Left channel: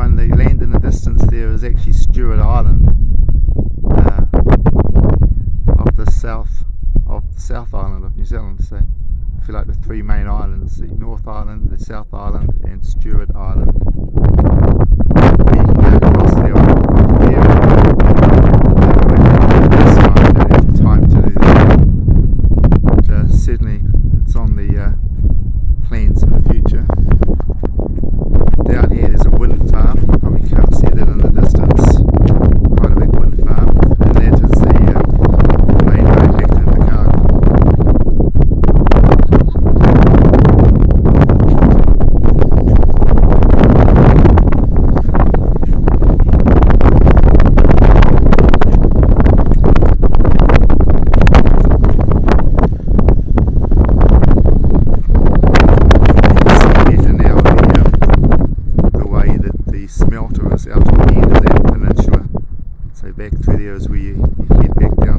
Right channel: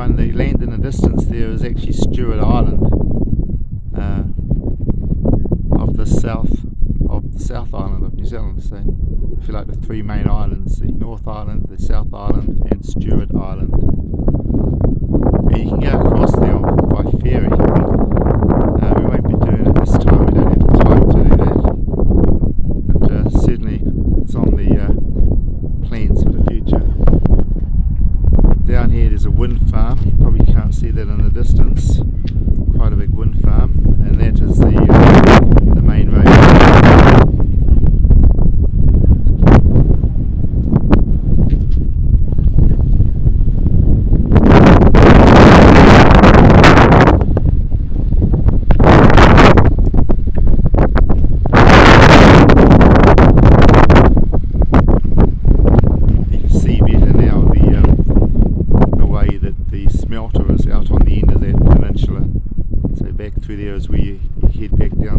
everyone, the land in the distance there is actually Stewart Island, of the South Island of New Zealand. So if you like, the three main islands, the North Island, the South Island and Stewart Island. You can go across there by ferry. This time we don't have time to do that, but certainly it's on the plans for the future. Down here there's a wind farm. You probably can't see that in the distance. Quite a big wind farm, and that is the main road. Smelter is out on the end of that peninsula, so back through there is where you head back down